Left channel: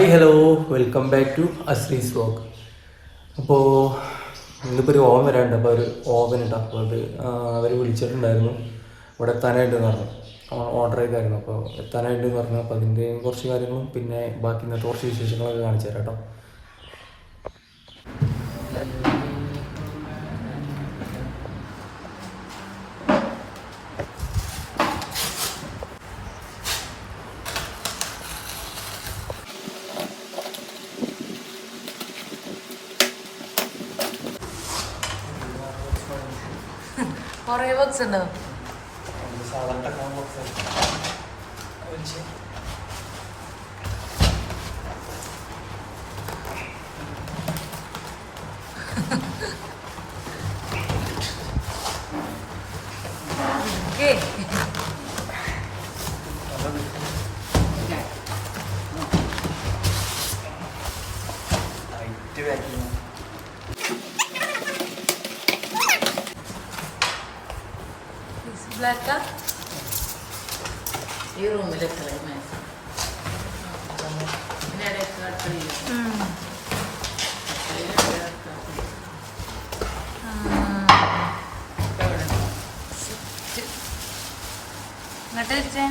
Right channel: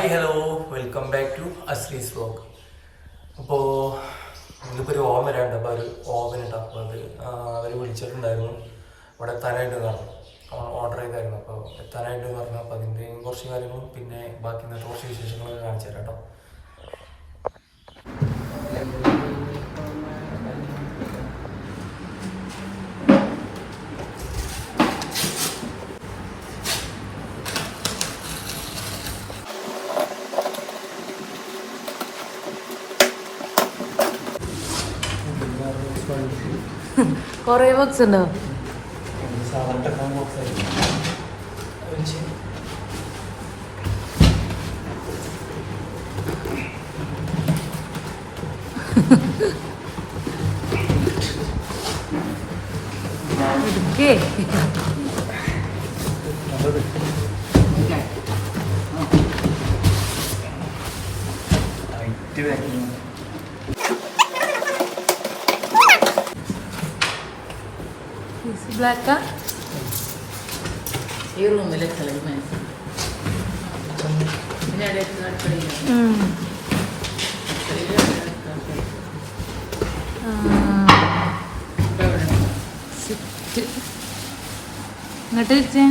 Hi hello. Welcome back to Ashri's vlog അപ്പോൾ ഇന്നിപ്പോൾ ഒരു ഓവൻ വരാനുണ്ട്. അപ്പോൾ ഒരു ഓവൻ ഉണ്ട് അപ്പോൾ അത് അവർ വിളിച്ചിട്ടുണ്ടായിരുന്നു. ഇവിടെ എത്താനായിട്ട് പറഞ്ഞു. ഓർഡർ ചെയ്തായിരുന്നു. അപ്പോൾ എത്താനായിട്ട് പറഞ്ഞു. അപ്പോൾ അതിന്റെ കുറച്ച് കാര്യങ്ങളും പിന്നെ ബാക്കി ഇന്നത്തെ കുറച്ച് വിശേഷങ്ങളൊക്കെ കാണിച്ചു തരാം കേട്ടോ. കൊറേ ബോക്സ് ഉണ്ടോ ഓക്കേ. This black ആ? ഈ റൂമിൽ ഒരു മനസ്സ് പിന്നെ ഇടയ്ക്ക് അടുക്കളയിൽ ഉം. ആ, sit. ഇങ്ങോട്ട് വെച്ചേ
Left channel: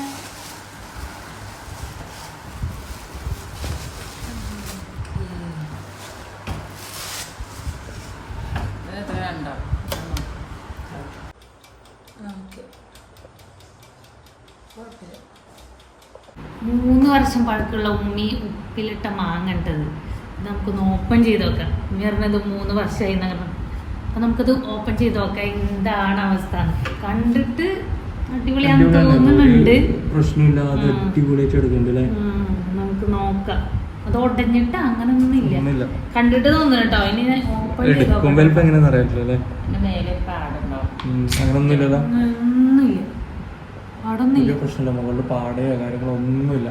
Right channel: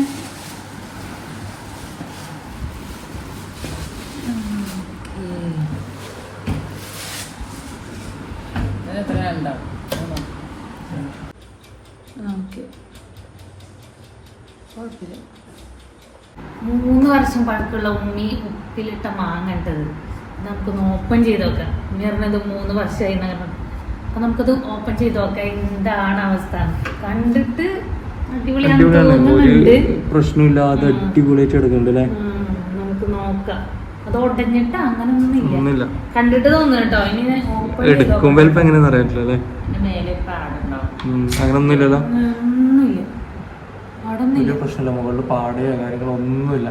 എത്ര ഉണ്ടാവും ഓക്കെ മൂന്ന് വർഷം പഴക്കമുള്ള ഉമ്മി ഉപ്പിലിട്ട മാങ്ങ ഇട്ടത് നമുക്ക് നമുക്കൊന്ന് ഓപ്പൺ ചെയ്ത് നോക്കാം. ഉമ്മി പറഞ്ഞത് മൂന്ന് വർഷമായി എന്ന് പറഞ്ഞു അപ്പൊ നമുക്കത് ഓപ്പൺ ചെയ്ത് നോക്കാം. എന്താണ് അവസ്ഥ? കണ്ടിട്ട് അടിപൊളിയാണെന്ന് തോന്നുന്നുണ്ട്. പ്രശ്നമില്ലാതെ. അടിപൊളിയായിട്ട് എടുക്കുന്നുണ്ട് നമുക്ക് നോക്കാം. അത് ഒടഞ്ഞിട്ട് അങ്ങനെ ഒന്നുമില്ല. കണ്ടിട്ട് തോന്നുന്നു കേട്ടോ. ഇനി ഓപ്പൺ ചെയ്ത് എടുക്കുമ്പോൾ ഇപ്പം എങ്ങനെയാണെന്ന് അറിയത്തില്ല അല്ലേ പിന്നെ മേലെ പാടുണ്ടാവും ഉം, അങ്ങനൊന്നുമില്ലല്ലോ ഒന്നുമില്ല അവിടെ വലിയ ഒന്നുമില്ല പ്രശ്നമില്ല. മുകളിൽ പാടുകയോ കാര്യങ്ങളോ ഒന്നുമില്ല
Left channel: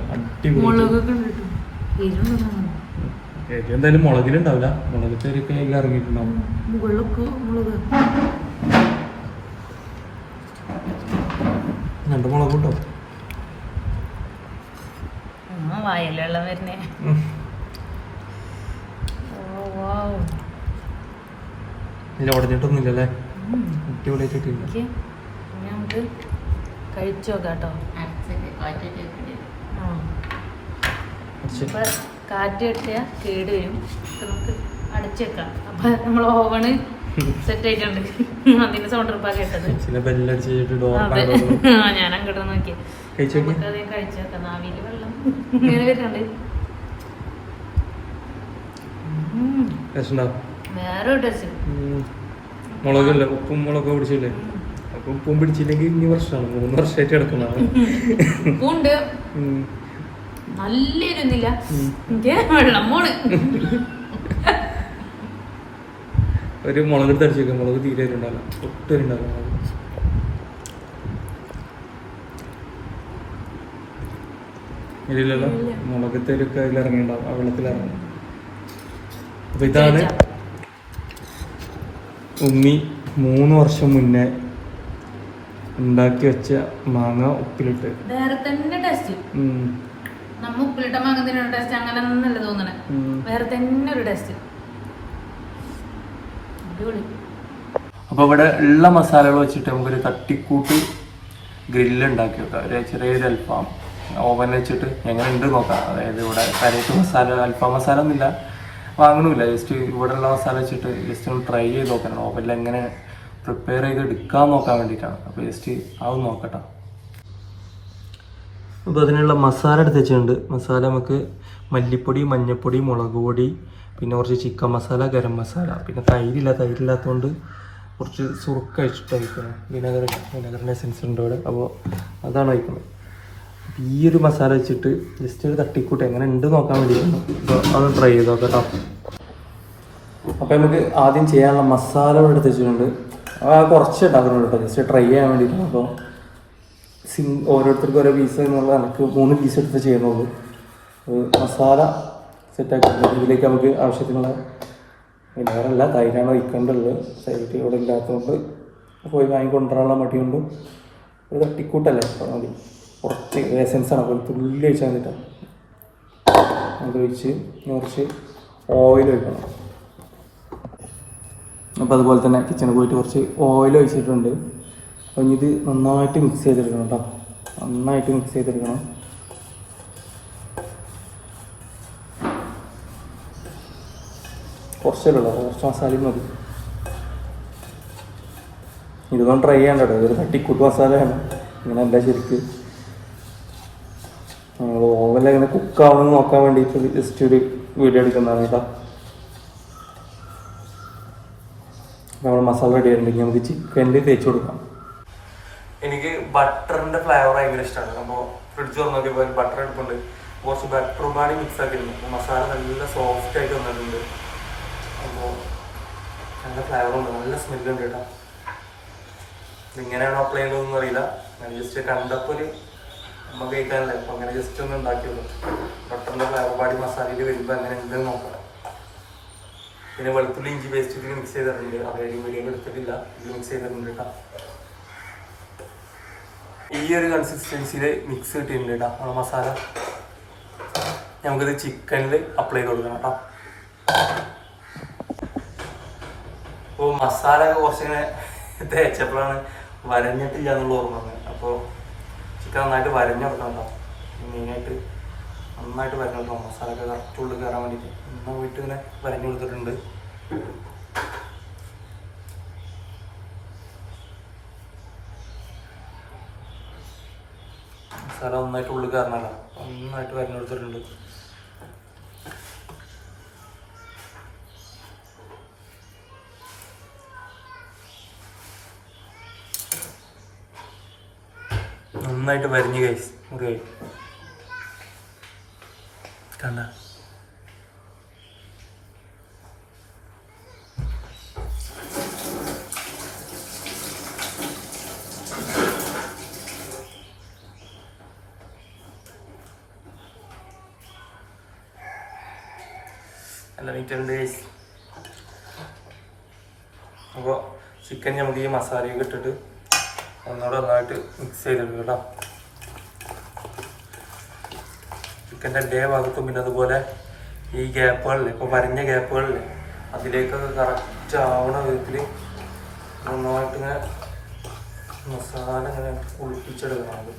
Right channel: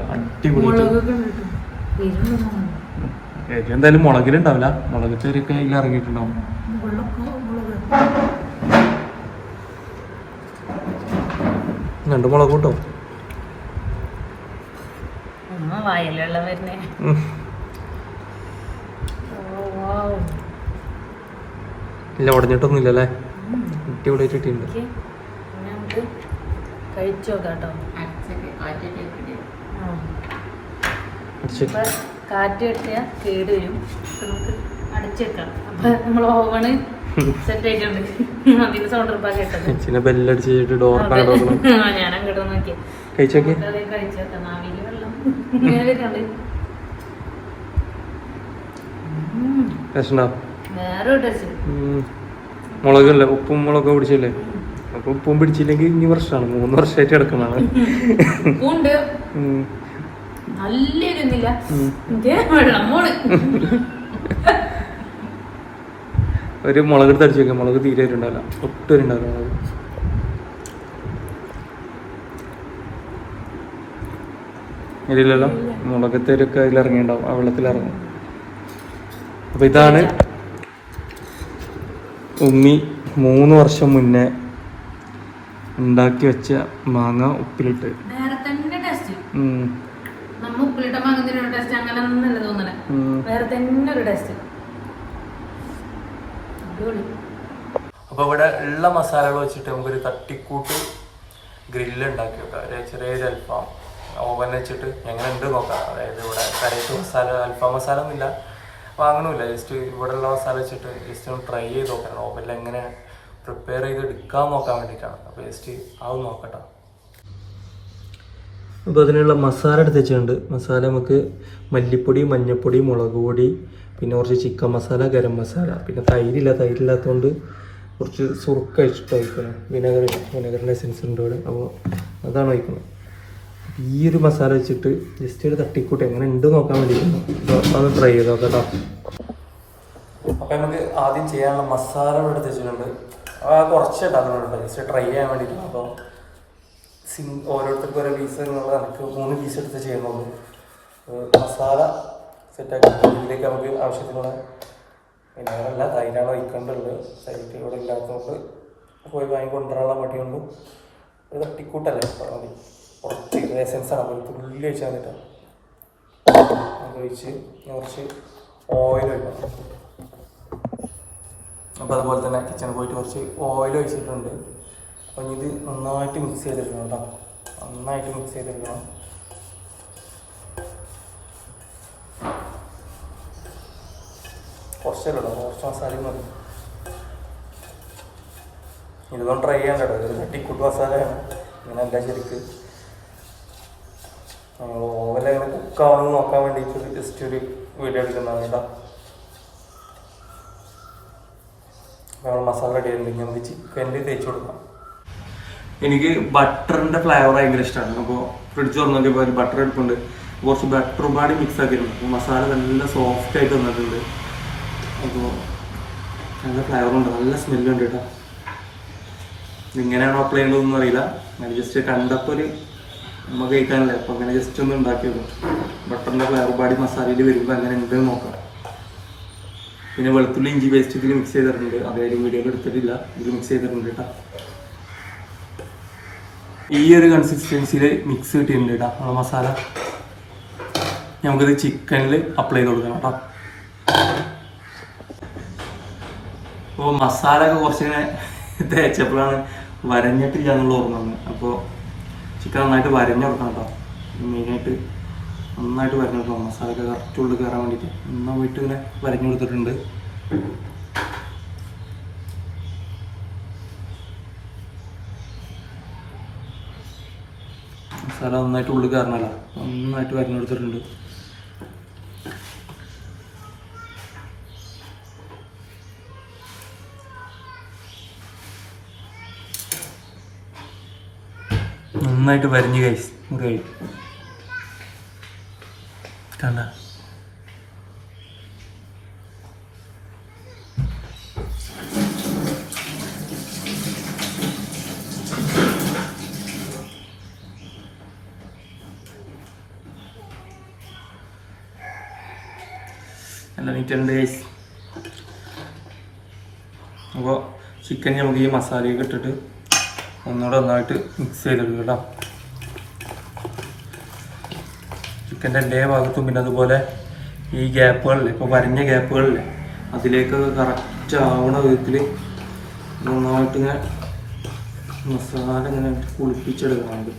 എന്തായാലും മുളകിലുണ്ടാവില്ല. മുളക് ചെറിയൊക്കെ അതിൽ ഇറങ്ങിയിട്ടുണ്ടാവും. രണ്ട് മുളക് കിട്ടും ഇല്ല ഉടഞ്ഞിട്ടൊന്നുമില്ലല്ലേ കുട്ടി ഇവിടെ അടിപൊളിയായിട്ട് കിട്ടിയിട്ടുണ്ട് ഓക്കേ. ഇനി നമുക്ക് കഴിച്ചു കേട്ടോ. കാറ്റ് കിട്ടിയാൽ കേട് വരും. നമുക്ക് അടച്ചേക്കാം അപ്പൊ നമ്മൾ ഓവണ് സെറ്റ് ആയിട്ടുണ്ട്. സൗണ്ട് ഉറപ്പാ കേട്ടത് ഞാൻ അങ്ങോട്ട് നോക്കി. കഴിച്ചു നോക്കാം. വെള്ളം ഇങ്ങനെ വരുന്നുണ്ട്. വേറെ ഉപ്പും മുളകും പിടിച്ചില്ലേ അപ്പൊ ഉപ്പും പിടിച്ചില്ലെങ്കിൽ ഇനി വർഷമാണ്. മൂന്ന് വർഷമായിട്ട് കിടക്കുന്നതാണ്. ഉണ്ട് ഉം. നല്ല ഇരുന്നില്ല ഉം. വെള്ളം പോണ് ഒരു മുളക് എടുത്ത് അടിച്ചു വെക്കാം. മുളക് തീരെ ഉണ്ടാവില്ല ഒട്ടും ഉണ്ടാവില്ല. ഇല്ലല്ലോ മുളകത്തേലൊക്കെ അതിൽ ഇറങ്ങിയിട്ടുണ്ടാവും ആ വെള്ളത്തിൽ ഇറങ്ങും അപ്പൊ ഇതാണ് ഉമ്മി മൂന്ന് വർഷം മുന്നേ ഉണ്ടാക്കി വെച്ച മാങ്ങ ഉപ്പിലിട്ട്. വേറെ തന്നെ ടേസ്റ്റ്. നമ്മ ഉപ്പിലിട്ട മാങ്ങത്തിന് ടേസ്റ്റ് അങ്ങനെ ഒന്നല്ല തോന്നണേ. ഉം. വേറെ തന്നെ ഒരു ടേസ്റ്റ് അപ്പോൾ ഇവിടെ ഉള്ള മസാലകൾ വെച്ചിട്ട് നമുക്കൊരു തട്ടിക്കൂട്ട് ഗ്രില്ല് ഉണ്ടാക്കി വെക്കാം. ഒരു ചെറിയൊരു അൽഫാം ഓവൻ വെച്ചിട്ട് എങ്ങനെ ഉണ്ട് നോക്കാം. അതായത് ഇവിടെ കരയിട്ട് മസാല അൽഫാം മസാല ഒന്നുമില്ല വാങ്ങണമില്ല. ജസ്റ്റ് ഇവിടെ ഉള്ള മസാല വെച്ചിട്ട് ജസ്റ്റ് ഒന്ന് ട്രൈ ചെയ്ത് നോക്കണം. ഓവനിൽ എങ്ങനെ പ്രിപ്പയർ ചെയ്ത് എടുക്കാൻ നോക്കാൻ വേണ്ടിയിട്ടാണ്. അപ്പോൾ ജസ്റ്റ് അത് നോക്കട്ടെ. അപ്പോൾ അതിനുള്ള മസാല എടുത്ത് വെച്ചിട്ടുണ്ട്. മസാല നമുക്ക് മല്ലിപ്പൊടി മഞ്ഞൾപ്പൊടി മുളക് പൊടി പിന്നെ കുറച്ച് ചിക്കൻ മസാല ഗരം മസാല പിന്നെ തൈരില്ല. തൈരില്ലാത്തതുകൊണ്ട് കുറച്ച് സുറുക്ക വെച്ചിട്ട് ഒഴിക്കണം വിനെഗർ സെൻസ് എസൻസ് ഉണ്ട് അവിടെ. അപ്പോൾ അതാണ് ഒഴിക്കുന്നത് ഈ ഒരു മസാല വെച്ചിട്ട് ജസ്റ്റ് ഒരു തട്ടിക്കൂട്ട് എങ്ങനെ ഉണ്ട് നോക്കാൻ വേണ്ടി അത് ട്രൈ ചെയ്ത് നോക്കാം അപ്പോൾ നമുക്ക് ആദ്യം ചെയ്യാനുള്ള മസാല ഇവിടെ എടുത്ത് വെച്ചിട്ടുണ്ട്. ആ കുറച്ച് ഉണ്ടാക്കുന്നുണ്ട് ജസ്റ്റ് ട്രൈ ചെയ്യാൻ വേണ്ടിയിട്ടാണ് അപ്പോൾ സിങ് ഓരോരുത്തർക്കും ഓരോ പീസ് എന്നുള്ള എനിക്ക് മൂന്ന് പീസ് എടുത്ത് ചെയ്യുന്നുള്ളൂ. മസാല സെറ്റാക്കി ഇതിലേക്ക് നമുക്ക് ആവശ്യത്തിനുള്ള വിനേറല്ല തൈരാണ് വയ്ക്കേണ്ടത് സൈറ്റ് ഇവിടെ ഇല്ലാത്തതുകൊണ്ട് പോയി വാങ്ങിക്കൊണ്ടുവരാനുള്ള മടി കൊണ്ടും ഒരു തട്ടിക്കൂട്ടല്ലേ അപ്പോൾ മതി. കുറച്ച് എസൻസ് ആണ്. അപ്പോൾ തുള്ളി ഒഴിച്ചാൽ മതിട്ടോ അതൊഴിച്ച് വെച്ച് കുറച്ച് ഓയിൽ ഒഴിക്കണം. അപ്പോൾ അതുപോലെ തന്നെ കിച്ചണിൽ പോയിട്ട് കുറച്ച് ഓയിൽ ഒഴിച്ചിട്ടുണ്ട്. അപ്പോൾ ഇനി ഇത് നന്നായിട്ട് മിക്സ് ചെയ്തെടുക്കണം കേട്ടോ നന്നായിട്ട് മിക്സ് ചെയ്തെടുക്കണം. കുറച്ചല്ലോ കുറച്ച് മസാലയും മതി. ഇതൊന്നും ട്രൈ ചെയ്യണ്ട കേട്ടോ ഇതൊരു തട്ടിക്കൂട്ട് മസാലയാണ്. ഇങ്ങനെ അല്ല ശരിക്ക്. നമ്മൾ ഓവനിൽ എങ്ങനെ കുക്കാവണമെന്ന് നോക്കാൻ വേണ്ടിയിട്ട് ജസ്റ്റ് ഒരു വീഡിയോ എടുക്കുന്നതാണ് കേട്ടോ നമ്മൾ മസാല റെഡി ആയിട്ടുണ്ടെങ്കിൽ നമുക്ക് ചിക്കനിൽ തേച്ച് കൊടുക്കാം. എനിക്ക് ബട്ടറിന്റെ ഫ്ലേവർ ഭയങ്കര ഇഷ്ടമാണ് അപ്പോൾ ഫ്രിഡ്ജ് തുറന്നിട്ട് ഒരു ബട്ടർ എടുക്കുന്നുണ്ട് കുറച്ച് ബട്ടറും പാടി മിക്സ് ആക്കിയിട്ടുണ്ട്. മസാല നല്ല സോഫ്റ്റ് ആയിട്ട് വന്നിട്ടുണ്ട്. അപ്പോൾ നല്ല ഫ്ലേവർ ഉണ്ട്. നല്ല സ്മെല്ലുണ്ട് കേട്ടോ. എങ്ങനെയാണോ അപ്ലൈ ചെയ്യേണ്ടതെന്ന് അറിയില്ല. അങ്ങനെ ജസ്റ്റ് കണ്ടപ്പോൾ ഒരു നമുക്ക് കഴിക്കാനല്ലേ? അപ്പോൾ അങ്ങനെ ജസ്റ്റ് ഒന്ന് ഉണ്ടാക്കിയത്. ബട്ടറിന്റെ ഫ്ലേവർ പാടി മസാലയിൽ വരുമ്പോൾ അങ്ങനെ എന്തെങ്കിലും നോക്കാം. പിന്നെ വെളുത്തുള്ളി ഇഞ്ചി പേസ്റ്റ് ഇതിൽ മിക്സ് ചെയ്തിട്ടുണ്ട്. അതായത് വീഡിയോയിൽ എടുത്തിട്ടില്ല. ഇതിൽ മിക്സ് ചെയ്തിട്ടുണ്ട് കേട്ടോ. ഈ ഒരു കൺസിസ്റ്റൻസിയിൽ മിക്സ് കിട്ടിയിട്ടുണ്ട് കേട്ടോ നമ്മുടെ മസാല. നമുക്കിത് ചിക്കനിൽ അപ്ലൈ ചെയ്ത് കൊടുക്കണം കേട്ടോ. അപ്പോൾ മസാല ഒക്കെ കുറച്ചിങ്ങനെ തേച്ചപ്പോഴാണ് വരഞ്ഞിട്ടില്ല എന്നുള്ള ഓർമ്മ വന്നത്. അപ്പോൾ ചിക്കൻ നന്നായിട്ട് വരഞ്ഞ് കൊടുക്കണം കേട്ടോ. മെയിനായിട്ട് നന്നായിട്ട് വരഞ്ഞു കൊടുക്കണം ഒക്കെ കറക്റ്റ് ഉള്ളിൽ കയറാൻ വേണ്ടിയിട്ട് നന്നായിട്ട് ഇങ്ങനെ വരഞ്ഞു കൊടുത്തിട്ടുണ്ട്. മസാല നന്നായിട്ട് ഉള്ളിൽ കയറണല്ല നന്നായിട്ട് വരഞ്ഞു കൊടുത്തിട്ടുണ്ട്. നന്നായിട്ട് വരഞ്ഞു കഴിച്ചു മുറി കണ്ട നല്ല ഗൈസ് അപ്പോൾ ചിക്കൻ നമുക്ക് ഈ മസാലയൊക്കെ ഇട്ടിട്ട് ഒന്നുകൂടെ നന്നായിട്ട് മിക്സ് ചെയ്തിട്ടുണ്ട് കേട്ടോ. ചിക്കന്റെ എല്ലാ ഭാഗത്തും പിന്നെ അതുപോലെ ഈ ഗ്യാപ്പുകളിൽ ഇപ്പോൾ വരഞ്ഞ ഗ്യാപ്പുകളിൽ അതിലേക്കൊക്കെ കറക്റ്റ് ആവണ വിധത്തിൽ നന്നായിട്ട് ഇങ്ങനെ മസാല ഇങ്ങനെ കുളിപ്പിച്ചെടുക്കണം അത്.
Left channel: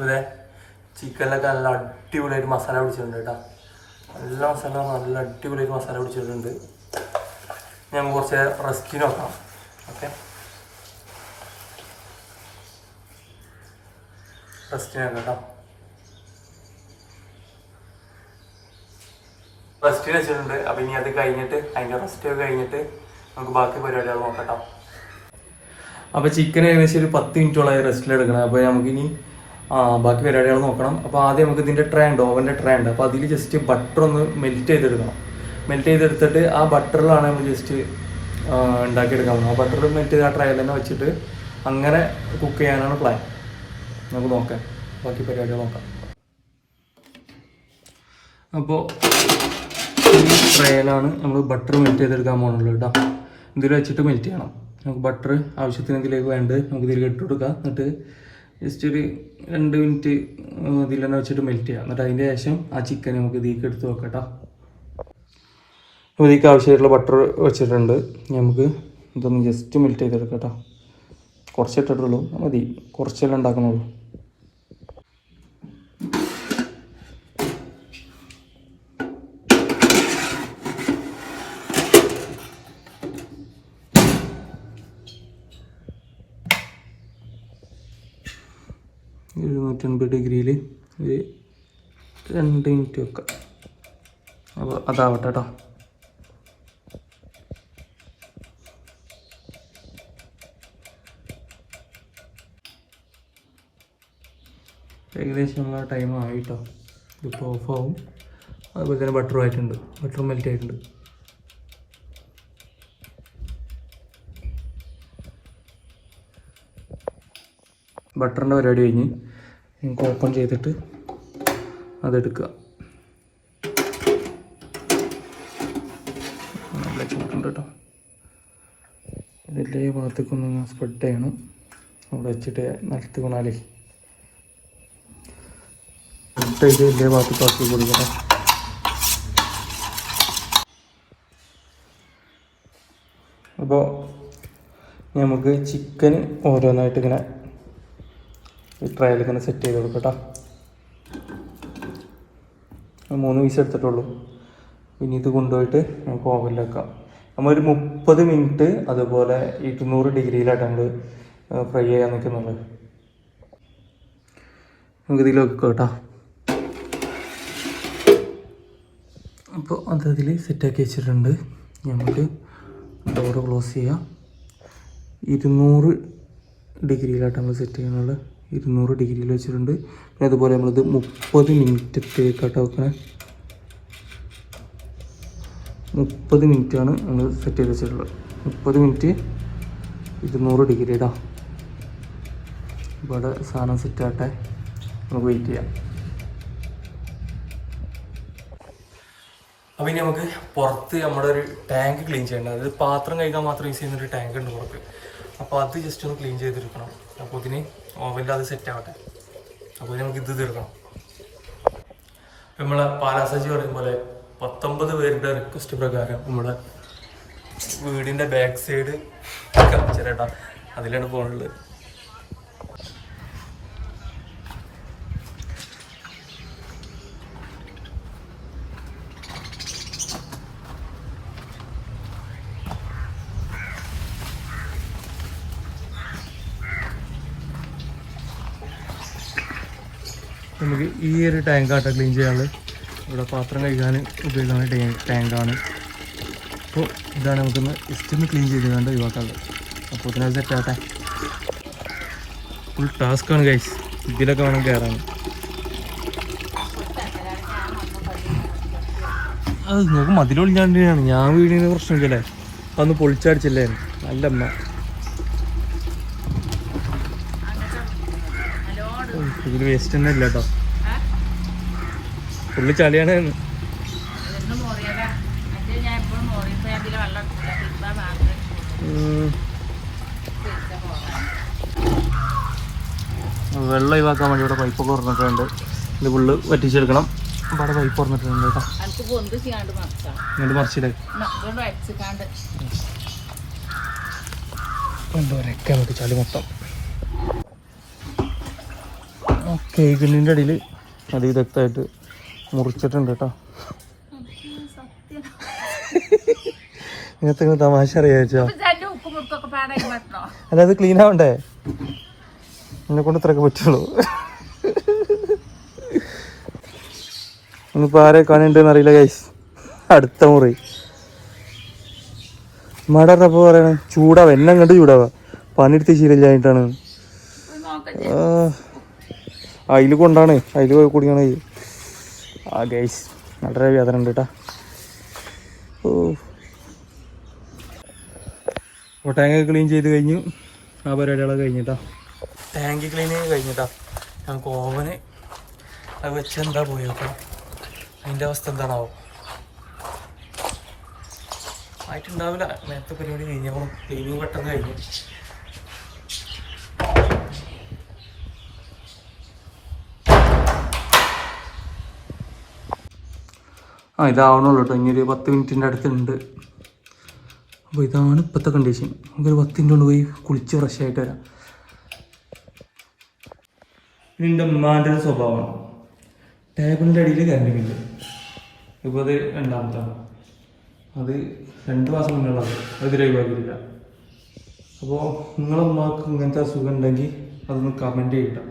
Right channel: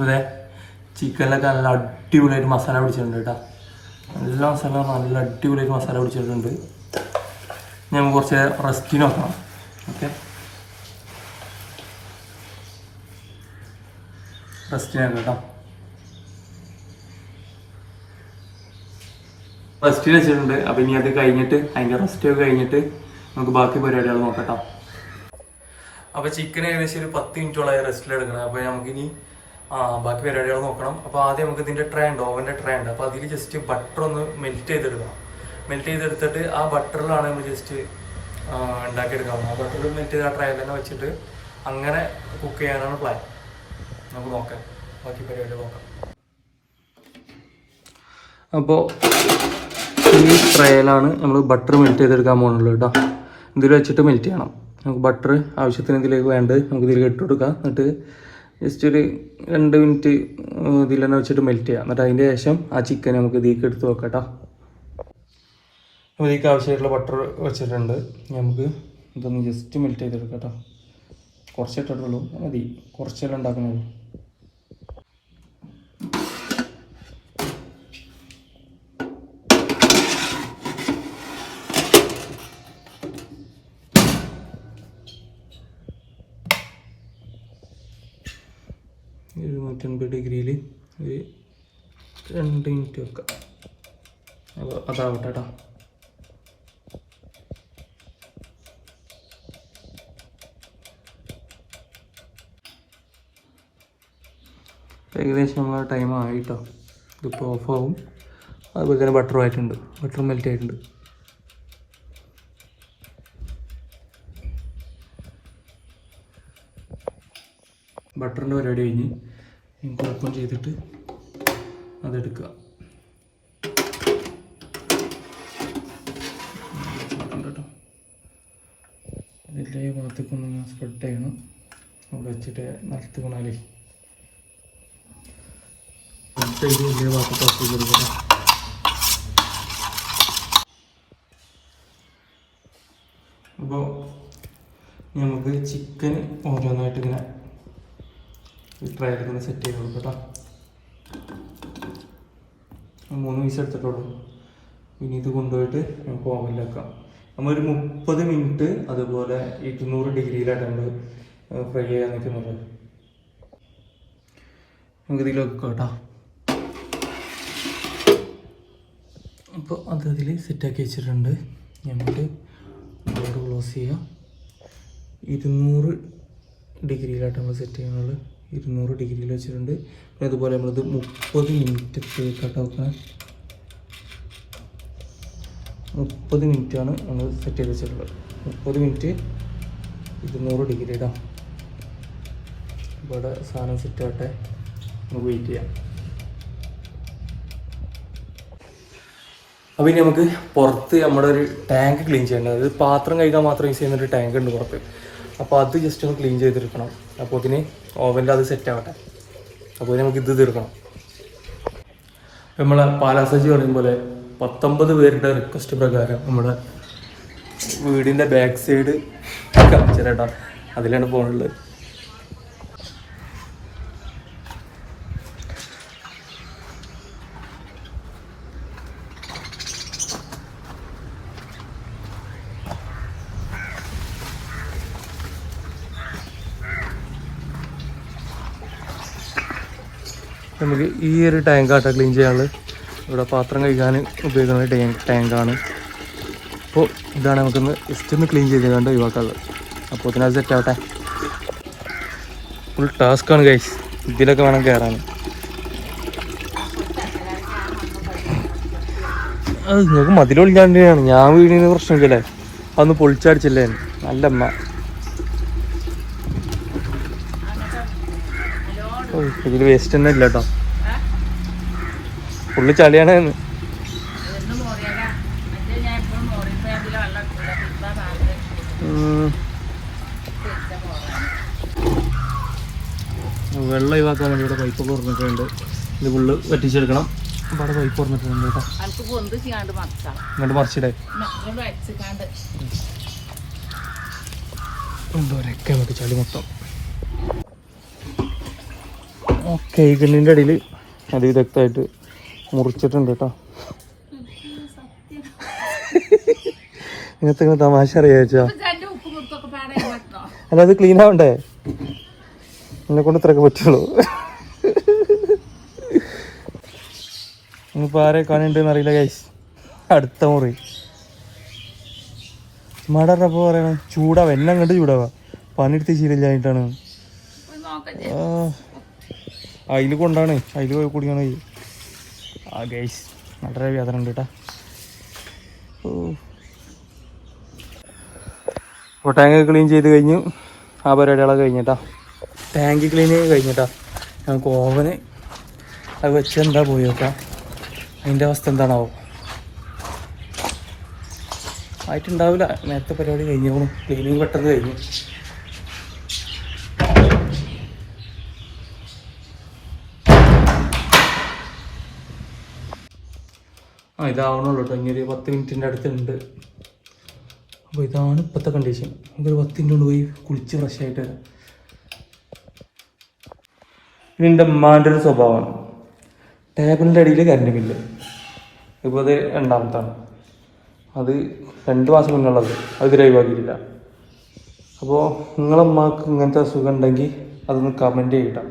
അതെ ചിക്കനിലൊക്കെ നല്ല അടിപൊളിയായിട്ട് മസാല പിടിച്ചിട്ടുണ്ട് കേട്ടോ. നല്ല മസാല നല്ല അടിപൊളിയായിട്ട് മസാല പിടിച്ചിട്ടുണ്ട്. ഞാൻ കുറച്ച് റെസ്റ്റിന് നോക്കാം. ഓക്കെ റെസ്റ്റിനാക്കാം കേട്ടോ. റെസ്റ്റിന് വെച്ചിട്ടുണ്ട്. അപ്പം ഇനി അത് കഴിഞ്ഞിട്ട് അതിന്റെ റെസ്റ്റ് ഒക്കെ കഴിഞ്ഞിട്ട് നമുക്ക് ബാക്കി പരിപാടികൾ നോക്കാം കേട്ടോ. അപ്പോൾ ചിക്കൻ ഏകദേശം ഒരു പത്ത് മിനിറ്റോളായി റെസ്റ്റിൽ എടുക്കണം. അപ്പോൾ നമുക്കിനി ബാക്കി പരിപാടികൾ നോക്കണം. അപ്പോൾ ആദ്യം നമുക്ക് ഇതിന്റെ ട്രേ ഉണ്ട് ഓവന്റെ ട്രേ ഉണ്ട്. അപ്പോൾ അതിൽ ജസ്റ്റ് ബട്ടർ ഒന്ന് മെൽറ്റ് ചെയ്തെടുക്കണം. മെൽറ്റ് ചെയ്തെടുത്തിട്ട് ആ ബട്ടറിലാണ് നമ്മൾ ജസ്റ്റ് ഉണ്ടാക്കിയെടുക്കാം ആ ബട്ടർ മെൽറ്റ് ചെയ്ത് ആ ട്രേ തന്നെ വെച്ചിട്ട് അങ്ങനെ കുക്ക് ചെയ്യാനാണ് പ്ലാൻ നമുക്ക് നോക്കാം. ബാക്കി പരിപാടികൾ നോക്കാം. അപ്പോൾ ഈ ട്രയലാണ് നമ്മൾ ബട്ടർ മെൽറ്റ് ചെയ്തെടുക്കാൻ പോകുന്നുള്ളൂ കേട്ടോ. ഇതിൽ വെച്ചിട്ട് മെൽറ്റ് ചെയ്യണം. നമുക്ക് ബട്ടർ ആവശ്യത്തിന് ഇതിലേക്ക് വേണ്ടത് നമുക്ക് ഇതിലേക്ക് ഇട്ട് കൊടുക്കാം. എന്നിട്ട് ജസ്റ്റ് ഒരു രണ്ട് മിനിറ്റ് ഇതിൽ തന്നെ വെച്ചിട്ട് മെൽറ്റ് ചെയ്യാം. എന്നിട്ട് അതിന്റെ ശേഷം ആ ചിക്കൻ നമുക്ക് ഇതിലേക്ക് എടുത്ത് വെക്കട്ടോ ഇതിലേക്ക് ആവശ്യമായിട്ടുള്ള ബട്ടർ വെച്ചിട്ടുണ്ട്. നമുക്ക് ഇതൊന്ന് ജസ്റ്റ് മെൽറ്റ് ചെയ്തെടുക്കട്ടോ കേട്ടോ കുറച്ചിട്ടിട്ടുള്ളൂ. മതി. കുറച്ചെല്ലാം ഉണ്ടാക്കണുള്ളൂ. ഇരുന്നൂറ്റൻപത് ഡിഗ്രിയിൽ ഇത് രണ്ട് മിനിറ്റ് വെക്കാം. അപ്പോൾ അതാവട്ടെ കേട്ടോ ഏകദേശം നമ്മളെ ടൈം ആയിട്ടോ ഇതിപ്പോൾ ഓഫ് ആവും. അതുപോലെ തന്നെ ബട്ടർ ആയിട്ടുണ്ട്. ബട്ടർ മെൽറ്റ് ആയിട്ടുണ്ട്. ബട്ടറിന്റെ പരിപാടി കഴിഞ്ഞ് നമുക്ക് ഓപ്പൺ ചെയ്തിട്ട് അതെടുക്കുക. ഇതിന്റെ ഈ ഭാഗത്തേക്കൊന്ന് സ്പ്രെഡ് ചെയ്യണം. അവിടെ വെച്ചിട്ട് നിലത്ത് എന്നിട്ട് ഇത് ഇതിന്റെ ഭാഗത്തേക്ക് ആക്കി കൊടുക്കണം. അപ്പോൾ നമുക്ക് ചിക്കൻ ഓരോന്നായിട്ട് ഇങ്ങനെ ട്രയൽ ഇങ്ങനെ സെറ്റ് ചെയ്ത് കൊടുക്കട്ടോ. മൂന്ന് പീസ് എടുത്തിട്ടുള്ളൂ. ഇനി ഇത് കൊണ്ടുപോയിട്ട് നമുക്ക് ഓവനിൽ വെക്കാം. നമ്മൾ ഒരു മുപ്പത് മിനിറ്റ് അതുപോലെ ഇരുന്നൂറ് ഡിഗ്രിയിലായിട്ടാണ് ഫ്രൈ ചെയ്യാൻ നിൽക്കുന്നത് നമുക്ക് ഇതിൽ വെക്കാം കേട്ടോ. അപ്പോൾ അത് അതിൽ സെറ്റാക്കി വെച്ചിട്ടുണ്ട്. നമുക്ക് ഡോർ ക്ലോസ് ചെയ്യാം. ഇരുന്നൂറ് ഡിഗ്രിയിലായിട്ട് നമ്മൾ സെറ്റ് ചെയ്യുന്നത് ഇരുന്നൂറ് ഡിഗ്രിയിൽ വെച്ചിട്ടുണ്ട്. പിന്നെ അതുപോലെ നമ്മളിത് മുപ്പത് മിനിറ്റത്തേക്കാട്ടോ വെക്കണേ മുപ്പത് മിനിറ്റാണ് നമ്മൾ സെറ്റ് ചെയ്ത് വെച്ചിട്ടുള്ളത്. മുപ്പത് മിനിറ്റ്. ഇരുന്നൂറ് ഡിഗ്രി ഇടാം ഇവിടെ സാധനം സെറ്റ് ആട്ടെ നമുക്ക് വെയിറ്റ് ചെയ്യാം. അപ്പോൾ ഇനി നമുക്ക് പുറത്ത് നമ്മുടെ ഒരു ടാങ്ക് ക്ലീൻ ചെയ്യേണ്ടത് പാത്രം കഴിക്കാൻ മാത്രം യൂസ് ചെയ്യുന്ന ഒരു ടാങ്ക് ഉണ്ട് പുറത്ത്. അപ്പോൾ അത് ജസ്റ്റ് ഒന്ന് ക്ലീൻ ചെയ്തെടുക്കണം. അപ്പോൾ ഇതിന് ഓവനിൽ അത് സെറ്റ് ആവട്ടെ. അപ്പോൾ ഇതിന് നമുക്ക് ഇത് തീർക്കണം നമ്മളെ പാലാസജി പറയും പോലെ പത്തൊമ്പത് പേരുടെ റിക്വസ്റ്റ് പ്രകാരം നമ്മുടെ വീടിന്റെ ബാക്ക് സൈഡ് കാണിച്ചേട്ടാ അതിലാണ് പോകുന്നുള്ളത് നമുക്ക് ഈ ഒരു ടാങ്ക് ആട്ടോ ക്ലീൻ ചെയ്യാനുള്ളത്. ഇവിടെ പാത്രം കഴുകാൻ ഉപയോഗിക്കുന്ന ടാങ്ക് ടാങ്കാണ് അപ്പോൾ ഇതാണ് നമുക്കൊന്ന് ജസ്റ്റ് ക്ലീൻ ചെയ്ത് കണ്ട് ഒഴിവാക്കാനുള്ളത്. അപ്പോൾ സെറ്റ് ആവട്ടെ. ഫുൾ ടാസ്ക്കാണ് ഗൈസ് ഇതിലൊക്കെ വേണം കയറാൻ അത് നിങ്ങൾക്ക് മതിലൊളിക്കാണ്ടാണ് ഞാൻ വീടിന് പ്രശ്നമൊക്കെ അല്ലേ അന്ന് പൊളിച്ചടിച്ചില്ലേ നല്ല അമ്മ ഇതിൽ വേസ്റ്റ് തന്നെ ഇല്ല കേട്ടോ ഫുള്ള് ചളിയാണ് വെള്ളം ഒഴിവാക്കാൻ വേണ്ടി ഇവിടെ പൈപ്പ് തുറന്നിട്ടുണ്ട്. ഇത് ഫുള്ള് വറ്റിച്ചെടുക്കണം. ഇവിടെ പൈപ്പ് തുറന്നിട്ടുണ്ട് കേട്ടോ ഇങ്ങോട്ട് മറിച്ചിടേ. എന്തോ ചളി മൊത്തം. ഓക്കെ ഇതിന്റെ ഇടയിൽ അതിവിദഗ്ധമായിട്ട് മുറിച്ചിട്ടുണ്ട് കേട്ടോ. ഇങ്ങനത്തെ ഇങ്ങനെ തമാശ അറിയാച്ചോ? അല്ലാതെ ക്ലീൻ ആവണ്ടേ? എന്നെ കൊണ്ട് ഇത്രയൊക്കെ പറ്റുള്ളൂ. ഒന്നിപ്പോ ആരെ കാണുന്നുണ്ടെന്ന് അറിയില്ല ഗൈസ് അടുത്ത മുറി. മടറപ്പോ പറയണം ചൂടാവാ. എന്നെ കണ്ട് ചൂടാവാ. പണിയെടുത്ത് ശീലമില്ലായിട്ടാണ് നോക്കാം അതിൽ കൊണ്ടാണ് അതിൽ പോയി കുടിക്കണ. ആ ഗൈസ് വളരെ വേദന ഉണ്ട് കേട്ടോ ഓ. ടാങ്ക് ക്ലീൻ ചെയ്ത് കഴിഞ്ഞു. ആ പരിപാടികളൊക്കെ കഴിഞ്ഞിട്ടാ ടാങ്ക് ക്ലീൻ ചെയ്ത് കഴിഞ്ഞിട്ടാ ഞങ്ങൾക്ക് ഓവന് അത് വെച്ച് എന്താ പോയി നോക്കാം. അതിന്റെ അവസ്ഥ എന്താണാവോ? ആയിട്ടുണ്ടാവില്ല. നേരത്തെ പരിപാടി കഴിഞ്ഞോളും ക്ലീനിങ് പെട്ടെന്ന് കഴിഞ്ഞു. ഇതാവണുള്ളൂ കേട്ടോ. ഇനി ഒരു പത്ത് മിനിറ്റിന്റെ അടുത്തുണ്ട് അപ്പോൾ ഇതാണ് ഇപ്പോഴത്തെ കണ്ടീഷൻ നമുക്കൊരു പത്ത് മിനിറ്റ് കൊണ്ട് പോയി കുളിച്ച് ഫ്രഷ് ആയിട്ട് വരാം. ഇതിന്റെ ഉമ്മാന്റെ ഒരു സ്വഭാവമാണ് ടേബിളിന്റെ അടിയിൽ കറണ്ട് ബില്ല് ഇപ്പോൾ അത് രണ്ടാമത്താണ്. അത് രണ്ട് മാസം മുന്നുള്ളത് അത് ഒഴിവാക്കിയിട്ടില്ല. അപ്പോൾ നിങ്ങളമ്മക്ക് ഇങ്ങനത്തെ അസുഖം ഉണ്ടെങ്കിൽ അതൊന്ന് കമന്റ് ചെയ്യട്ടോ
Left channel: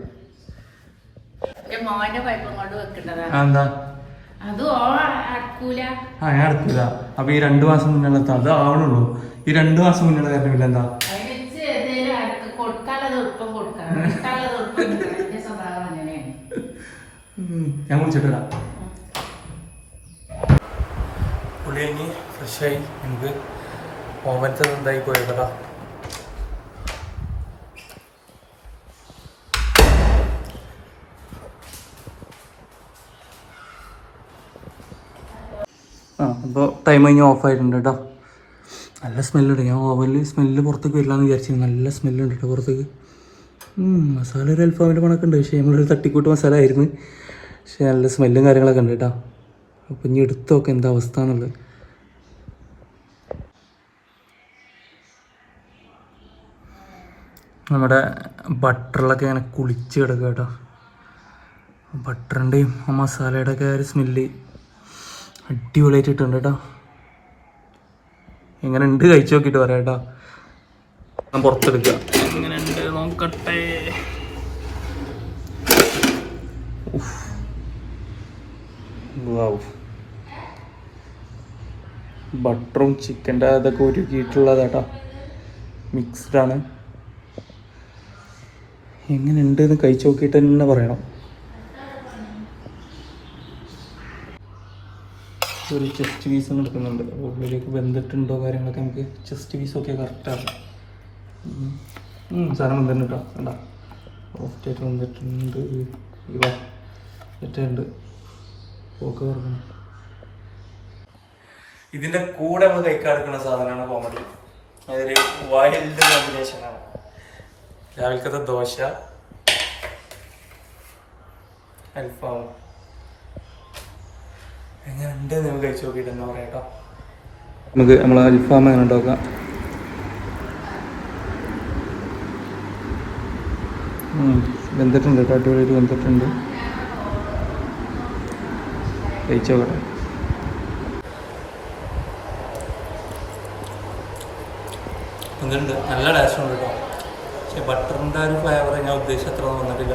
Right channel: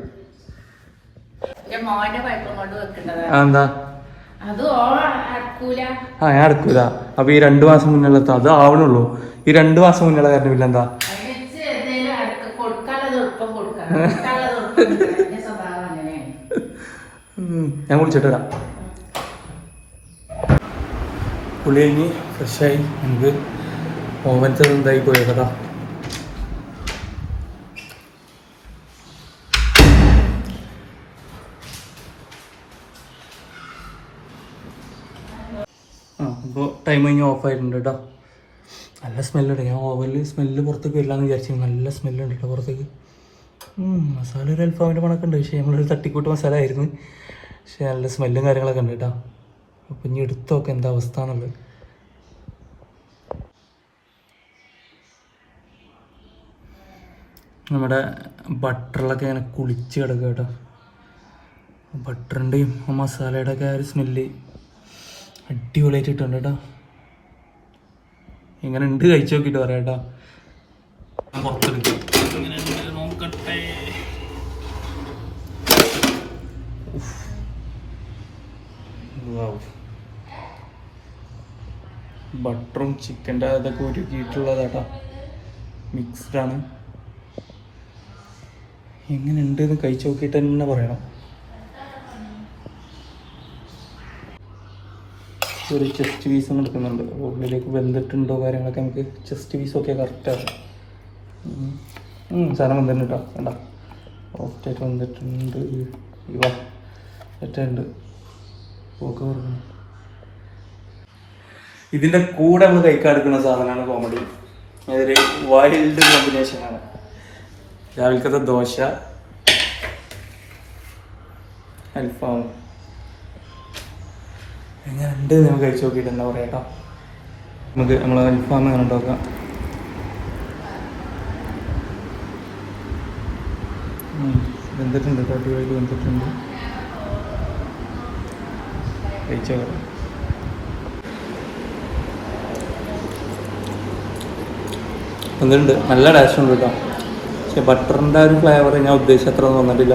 എന്താ? ആ ഞാൻ എടുക്കൂല അപ്പൊ ഈ രണ്ടു മാസം മുന്നേ അത് ആവണുള്ളൂ. ഈ രണ്ടു മാസം മുന്നുള്ള കാരണം പിന്നെ എന്താ? ഞാൻ കുളിച്ചിട്ട് വരാം. പുളി കഴിഞ്ഞ് ഫ്രഷായി നമുക്ക് ഓവൻസ് എന്തായി പോയത് ടൈം കഴിഞ്ഞ് ഓഫ് ആയിട്ടുണ്ട് കേട്ടോ നല്ല സ്മെല്ലുണ്ട് ഞാൻ ഓവനിൽ സ്മെല്ല് പുറത്തേക്ക് വരില്ലാന്ന് വിചാരിച്ചു നല്ല സ്മെല്ലുണ്ട് കേട്ടോ പുറത്തേക്ക്. മസാല ഒരു അൽഫാമിന്റെ മണമൊക്കെ ഉണ്ട്. പക്ഷേ നമ്മളൊരു തട്ടിക്കൂട്ട് മസാല ആയിരുന്നു. പക്ഷേ നല്ല സ്മെല്ലും കാര്യങ്ങളൊക്കെ ഉണ്ട് കേട്ടോ അപ്പം ഇനി എടുത്തു നോക്കാം എന്താ അവസ്ഥ എന്നുള്ളത്. നമ്മുടെ ബട്ടറിലൊക്കെ ഇങ്ങനെ കുളിച്ച് കിടക്കുക കേട്ടോ ബട്ടറിന്റെയും ആ മസാലയുടെ ഒക്കെ ഒരു സ്മെല്ല് അടിപൊളിയായിട്ട് ഇട്ടുണ്ട് കേട്ടോ. ഇങ്ങനെ ഉണ്ട് കഴിച്ചു നോക്കിയിട്ട് പറയാം കേട്ടോ. ഞാൻ പുറത്തെടുക്കാം ഇങ്ങനെ ഉണ്ട് നോക്കട്ടെ. ബട്ടറും ചിക്കന്റെ അതൊക്കെ ഒരുക്കിയിട്ടുള്ളത് കേട്ടോ. മിക്സ്ഡാണ് എങ്ങനെയുണ്ട് എന്ന് കഴിച്ചു നോക്കിയിട്ട് തന്നെ പറയണം. ഒരു ചെസ്റ്റ് പീസ് എടുക്കുന്നുണ്ട് ഉള്ളിലേക്ക് ബന്ധിട്ടുണ്ടോ കാര്യങ്ങളൊക്കെ നമുക്ക് ചെസ്റ്റ് പീസൊക്കെ കറക്റ്റാണ് സാധനം വന്നിട്ടുണ്ട് കേട്ടോ വേണ്ട ഓഫ്റ്റായിട്ട് വന്നിട്ടുണ്ട്. ഇവ ഒറ്റുണ്ട് പോക്ക് പറഞ്ഞു ഇതിന്റെ കൂടെ നമ്മൾ കഴിക്കാൻ എടുക്കുന്ന സാധനമാണ് കോമഡി അതൊരു വൈൽഡ് കോമ്പിനേഷനാണ് രാവിലത്തെ ദോശ അൽഫാം കഴിച്ചു കേട്ടോ നമുക്ക് നമ്മൾ അൽഫാം എങ്ങനെ ഉണ്ടാക്കാം? ഉം, വെന്തിട്ടുണ്ട് കേട്ടോ അടിപൊളിയായിട്ട് വെന്തിട്ടുണ്ട്. കഴിച്ചു നോക്കാം. വന്നിട്ടുണ്ട് നല്ല ടേസ്റ്റ് ഉണ്ട് കേട്ടോ. പക്ഷെ ബട്ടറിന്റെ ഒരു ഫ്ലേവർ ഞാൻ ഉദ്ദേശിച്ച അത്ര ഒന്നും വന്നിട്ടില്ല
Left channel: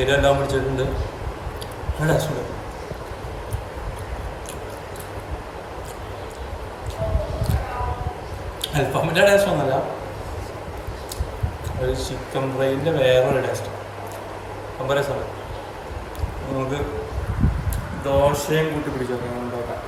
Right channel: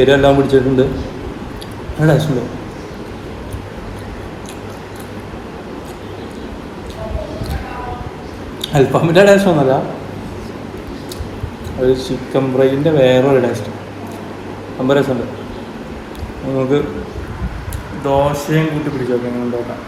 എരിവെല്ലാം പിടിച്ചിട്ടുണ്ട്. നല്ല ടേസ്റ്റ് ഉണ്ട്. അൽഫാമിന്റെ ടേസ്റ്റ് ഒന്നല്ല അത് ചിക്കൻ ഫ്രൈന്റെ വേറൊരു ടേസ്റ്റ് അമ്പത് രസമുണ്ട്. നമുക്ക് ദോശയും കൂട്ടി പിടിച്ചു നോക്കാം നിങ്ങൾ നോക്കാം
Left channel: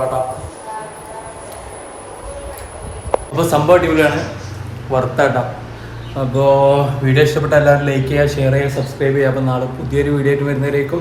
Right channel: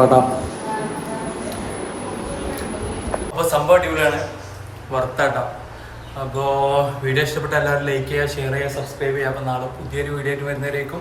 കേട്ടോ സംഭവം അടിപൊളിയാണ്. വർത്താട്ടോ അപ്പോൾ വീഡിയോ ഇഷ്ടപ്പെട്ട എല്ലാവരും ലൈക്ക് ചെയ്യുക ഷെയർ ചെയ്യുക സബ്സ്ക്രൈബ് ചെയ്യുക. അപ്പോൾ നാളെ പുതിയൊരു വീഡിയോ ആയിട്ട് വരുന്നവരേക്കും